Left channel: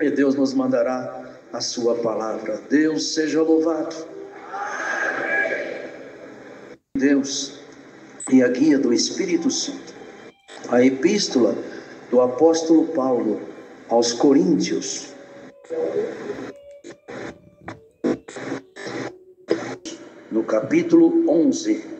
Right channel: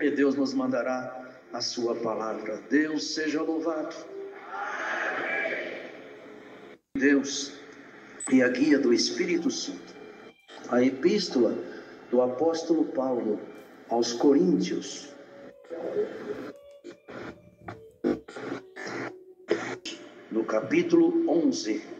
e Deus nos mandará a sua palavra. Deus seja louvado. Deus e a guia do Espírito Santo. A epístola do apóstolo Paulo aos Coríntios. No capítulo 11.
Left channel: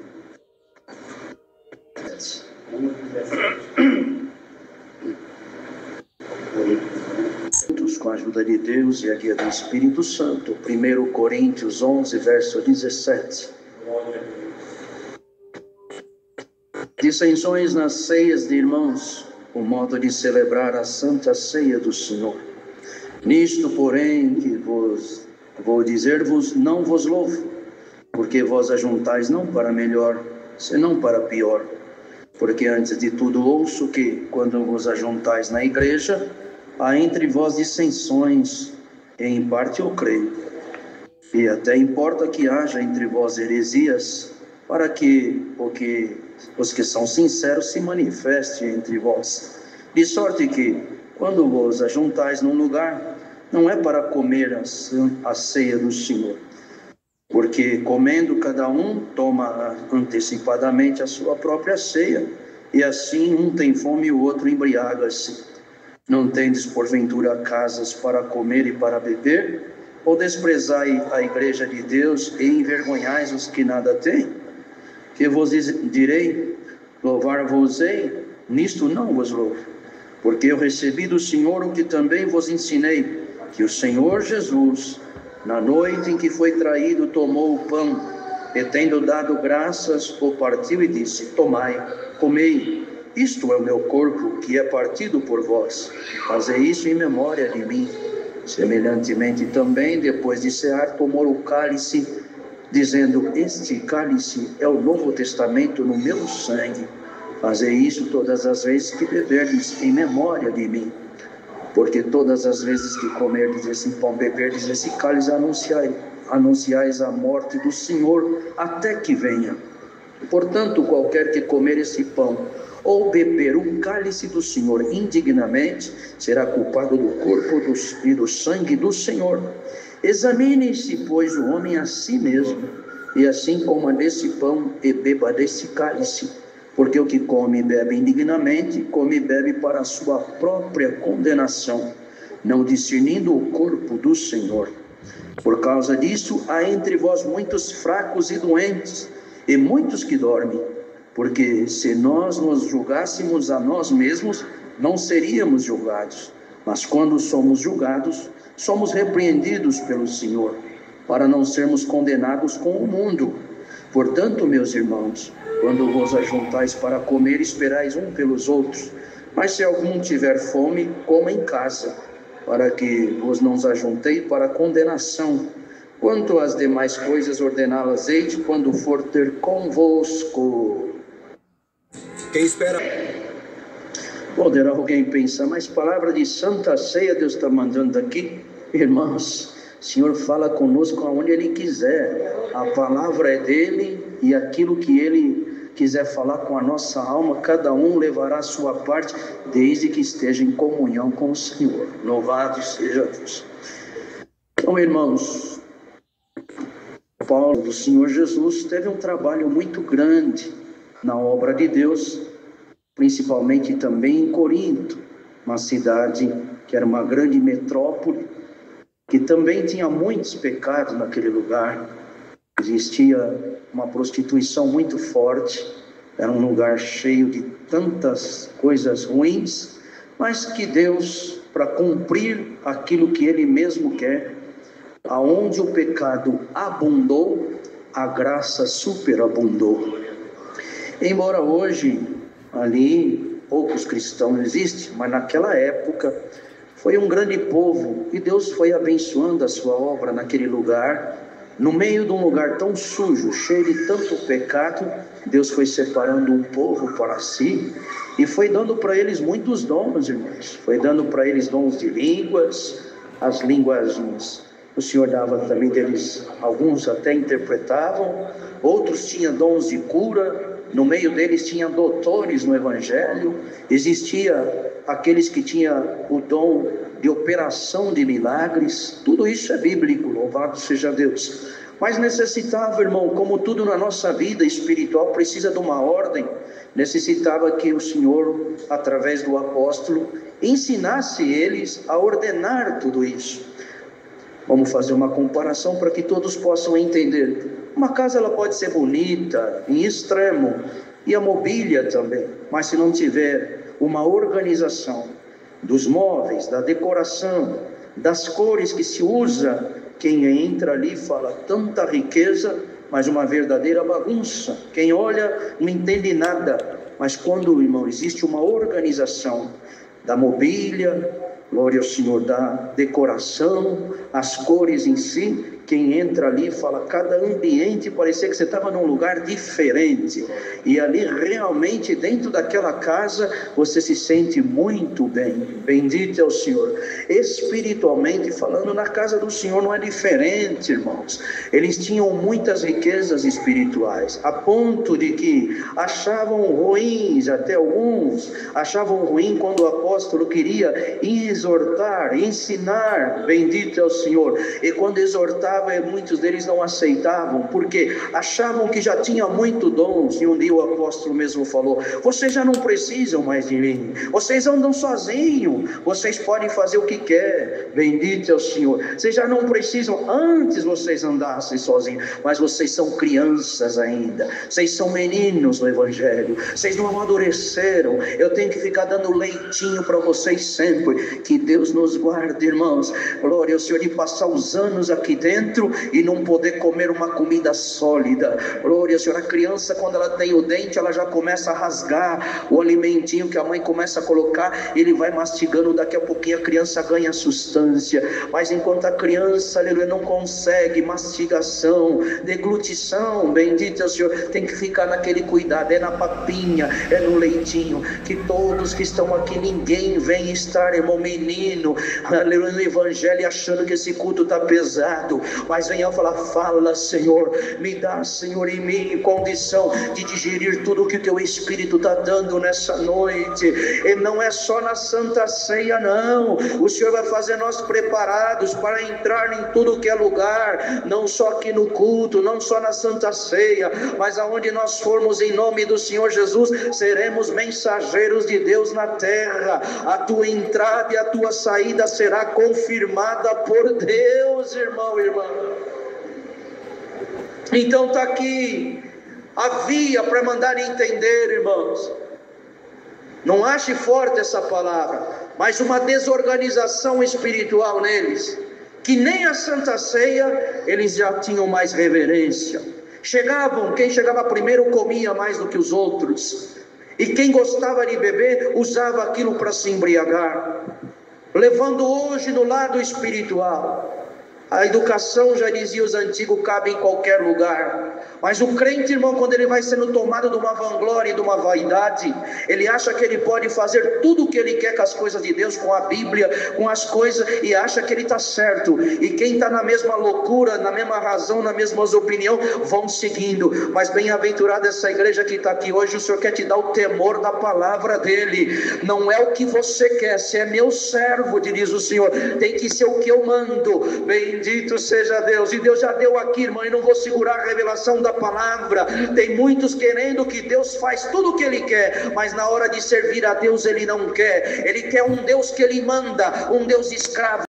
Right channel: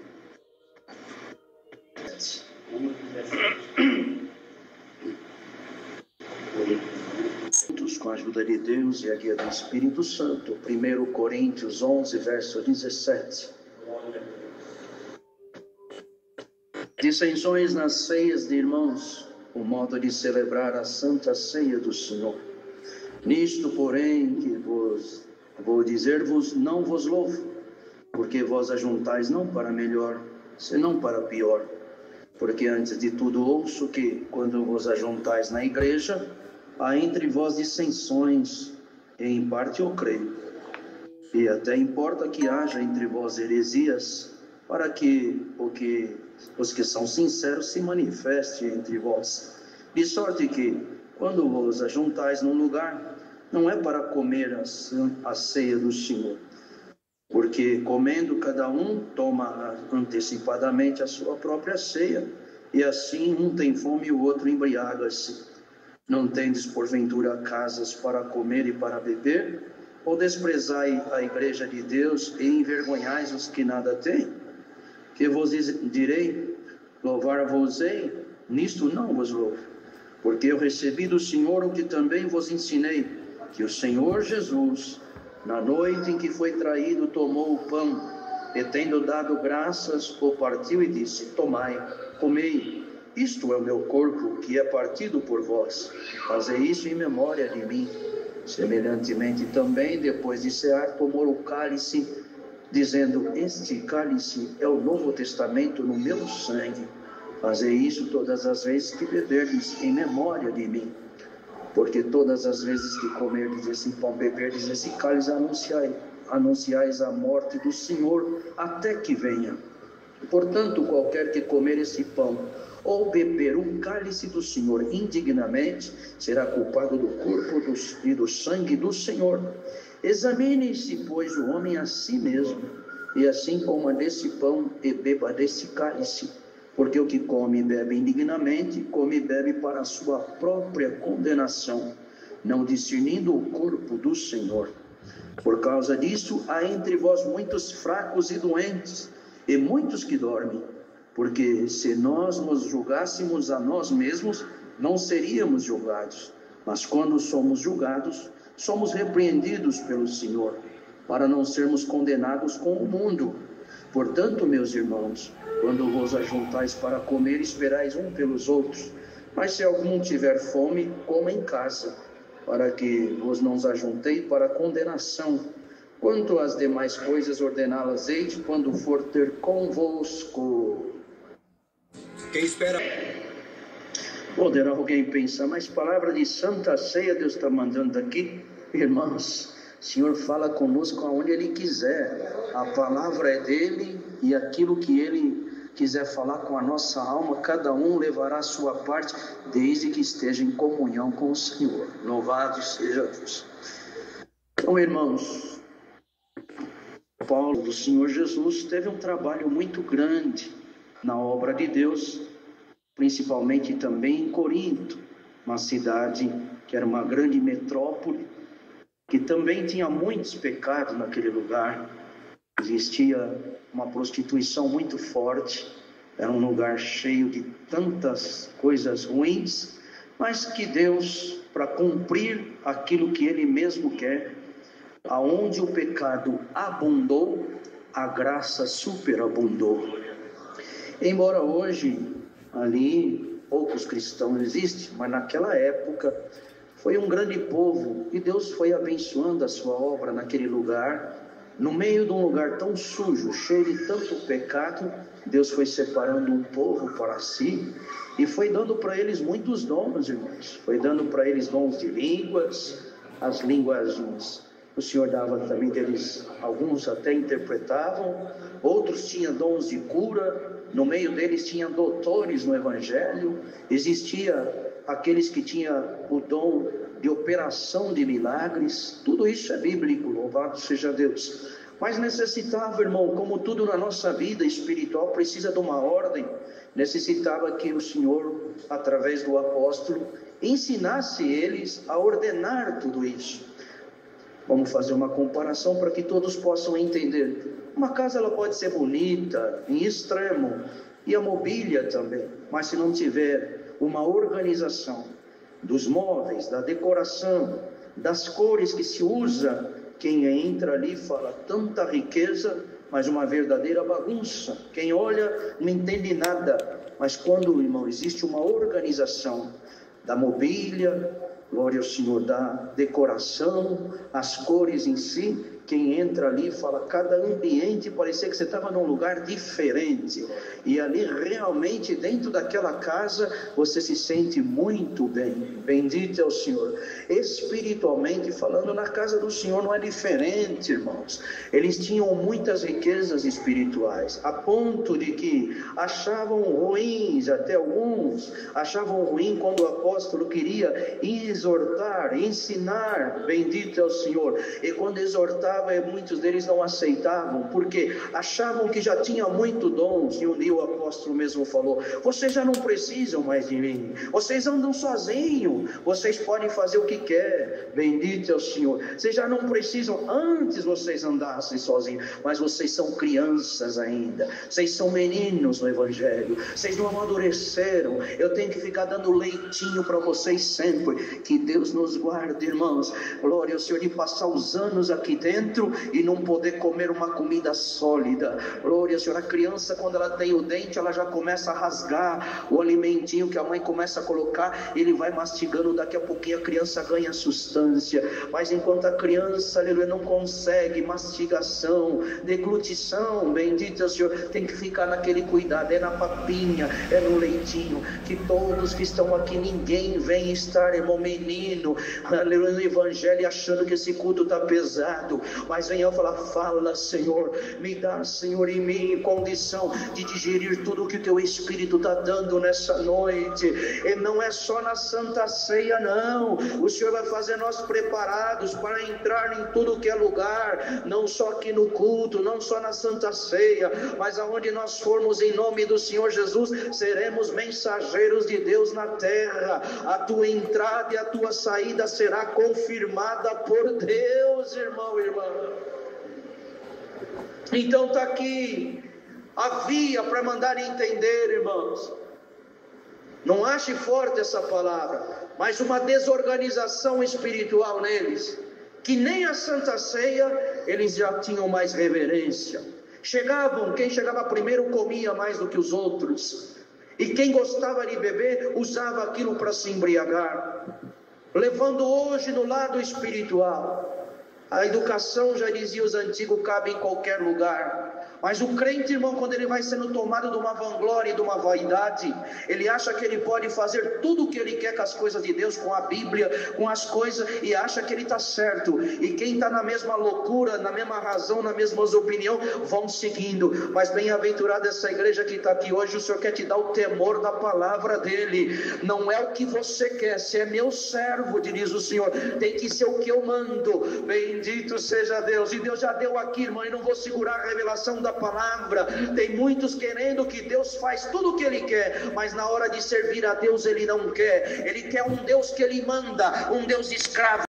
Com a ajuda de Deus e a guia do Espírito Santo. 1 Coríntios 11, verso 17. Dissensões nas ceias de irmãos, o modo de celebrar a santa ceia do Senhor. Nisto, porém, que vou dizer-vos, não vos louvo, porque vós ajuntais não para melhor, senão para pior. Porque antes de tudo ouço que, quando vos ajuntais na igreja, há entre vós dissensões, e em parte eu creio. E até importa que haja entre vós heresias, para que os que são sinceros se manifestem entre vós. De sorte que, quando vos ajuntais num lugar, não é para comer a ceia do Senhor. Porque comendo cada um toma antecipadamente a sua própria ceia, e assim um tem fome e o outro embriaga-se. Não tendes porventura casas para comer e para beber? Ou desprezai a igreja de Deus e envergonhais os que nada têm? Que vos direi, louvar-vos-ei? Nisto não vos louvo, porque eu recebi do Senhor o que também vos ensinei, que o Senhor Jesus, na noite em que foi traído, tomou o pão, e tendo dado graças, o partiu e disse: tomai, comei, isto é o meu corpo, que é partido por vós. Fazei isso em memória de mim. Semelhantemente também, depois de cear, tomou o cálice, dizendo: este cálice é o Novo Testamento no meu sangue. Fazei isso todas as vezes que beberdes, em memória de mim. Porque todas as vezes que comerdes esse pão, beberdes esse cálice, anunciais a morte do Senhor, até que venha. Portanto, qualquer que comer esse pão, ou beber o cálice do Senhor indignamente, será culpado do corpo e do sangue do Senhor. Examine-se, pois, o homem a si mesmo, e assim coma desse pão e beba desse cálice. Porque o que come e bebe indignamente, come e bebe para a sua própria condenação, não discernindo o corpo do Senhor. Por causa disso, há entre vós muitos fracos e doentes, e muitos que dormem. Porque se nós nos julgássemos a nós mesmos, não seríamos julgados. Mas quando somos julgados, somos repreendidos pelo Senhor, para não sermos condenados com o mundo. Portanto, meus irmãos, quando vos ajuntais para comer, esperais um pelos outros. Mas se algum tiver fome, coma em casa, para que vos não ajuntei para condenação. Quanto às demais coisas, ordená-las eis quando for ter convosco. Quem espera? Poderá alguém pensar, mas palavra de santa ceia Deus está mandando aqui? Irmãos, o Senhor fala conosco aonde Ele quiser. A palavra é dEle, e aquilo que Ele quiser falar com a nossa alma, cada um levará a sua parte, desde que esteja em comunhão com o Senhor. Louvado seja Deus. Então, irmãos, Paulo, do Senhor Jesus, teve um trabalho muito grande na obra de Deus, principalmente também em Corinto, uma cidade que era uma grande metrópole, que também tinha muitos pecados naquele lugar. Existia uma prostituição muito forte, era um lugar cheio de tantas coisas ruins, mas que Deus, para cumprir aquilo que Ele mesmo quer, aonde o pecado abundou, a graça superabundou. Embora hoje ali poucos cristãos existem, mas naquela época foi um grande povo, e Deus foi abençoando a sua obra naquele lugar. No meio de um lugar tão sujo, cheio de tanto pecado, Deus foi separando um povo para si e foi dando para eles muitos dons, irmãos. Foi dando para eles dons de línguas, as línguas o Senhor dava também deles, alguns até interpretavam, outros tinham dons de cura, no meio deles tinha doutores no Evangelho, existia aqueles que tinham o dom de operação de milagres, tudo isso é bíblico, louvado seja Deus. Mas necessitava, irmão, como tudo na nossa vida espiritual precisa de uma ordem, necessitava que o Senhor, através do apóstolo, ensinasse eles a ordenar tudo isso. Vamos fazer uma comparação para que todos possam entender. Uma casa ela pode ser bonita, em extremo, e a mobília também, mas se não tiver uma organização dos móveis, da decoração, das cores que se usa, quem entra ali fala tanta riqueza, mas uma verdadeira bagunça. Quem olha não entende nada, mas quando, irmão, existe uma organização da mobília, glória ao Senhor, da decoração, as cores em si, quem entra ali fala, cada ambiente parecia que você estava num lugar diferente, e ali realmente dentro daquela casa você se sente muito bem, bendito é o Senhor. Espiritualmente falando, na casa do Senhor não é diferente, irmãos. Eles tinham muitas riquezas espirituais, a ponto de que achavam ruins, até alguns achavam ruim quando o apóstolo queria exortar, ensinar, bendito é o Senhor, e quando exortava, muitos deles não aceitavam, porque achavam que já tinha muito dons, e um dia o apóstolo mesmo falou, vocês já não precisam mais de mim, vocês andam sozinhos, vocês podem fazer o que quer, bendito é o Senhor, vocês já não precisam, antes vocês andassem sozinhos, mas vocês são crianças ainda, vocês são meninos no Evangelho, vocês não amadureceram, eu tenho que ficar dando leitinho para vocês sempre, que Deus nos guarde, irmãos, glória ao Senhor, de passar os anos aqui dentro e não poder comer uma comida sólida, glória ao Senhor. A criança, quando ela tem o dente, ela já começa a rasgar o alimentinho que a mãe começa a colocar, ele vai mastigando, daqui a pouquinho a criança ganha substância, mas enquanto a criança, aleluia, não consegue mastigação, deglutição, bendito é o Senhor, tem que ficar naquele cuidado, é na papinha, é no leitinho, que todos que estão aqui, ninguém vem estar, irmão, menino, aleluia, no Evangelho, achando que esse culto está pesado, mas venha falar, fala Senhor, me dá Senhor em mim condição de digerir tudo que o teu Espírito está dando nessa noite, e não é só na Santa Ceia não, o Senhor vai fazer nós preparados para entrar em tudo que é lugar, não só aqui no culto, não só na Santa Ceia, mas aonde nós formos em nome do Senhor Jesus, seremos mensageiros de Deus na terra, a tua entrada e a tua saída será confirmada por Deus, irmão, irmã. Então está aqui a via para mandar entender, irmãos, não ache forte essa palavra, mas uma desorganização espiritual neles, que nem a Santa Ceia eles já tinham mais reverência, quem chegava primeiro comia mais do que os outros, e quem gostava de beber usava aquilo para se embriagar, levando hoje no lado espiritual. A educação, já dizia os antigos, cabe em qualquer lugar, mas o crente, irmão, quando ele vai sendo tomado de uma vanglória e de uma vaidade, ele acha que ele pode fazer tudo o que ele quer com as coisas de Deus, com a Bíblia, com as coisas, e acha que ele está certo, e quem está na mesma loucura, na mesma razão, na mesma opinião, vão seguindo, mas bem-aventurada essa igreja que está aqui hoje, o Senhor quer te dar o temor da palavra dele, não é o que você quer, se é meu servo, diz o Senhor, tem que ser o que eu mando, bendito seja Deus, e Deus já deu aqui, irmão, e não vou segurar a revelação da palavra, tem muitos querendo que Deus faz tudo o que Ele quer, mas na hora de servir a Deus Ele não quer, Ele quer um Deus que Ele manda, um Deus escravo,